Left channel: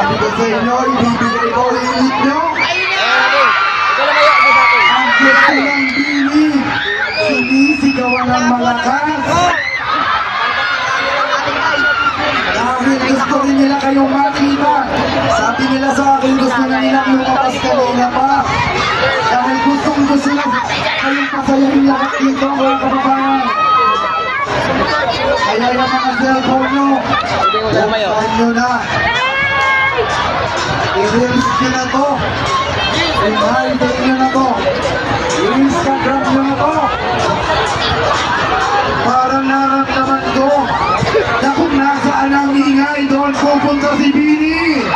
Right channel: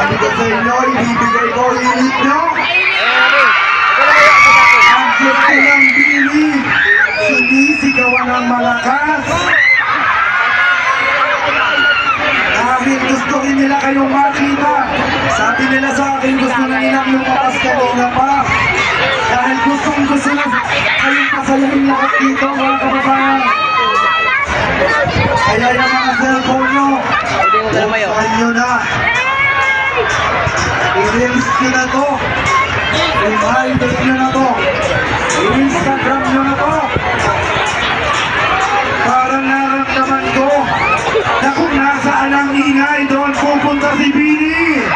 Sabi ko sa inyo, ibibigay ko init nyo. Ang gusto ng Bini, sinisigawan ng malakas. Dahil gusto rin nila kayong makita. Sabi nila sa akin, gusto na nilang lumabas kanina pa. Dahil gusto na kayong pasayahin lahat dito, mga kababayan. Kaya yung mga cellphone nyo, buksan nyo na. I-reels nyo na to. I-hiding nyo na to. I-Instagram nyo na to. Parang naramdaman ko na kung nasaan ang ingay, doon pupunta si Bini.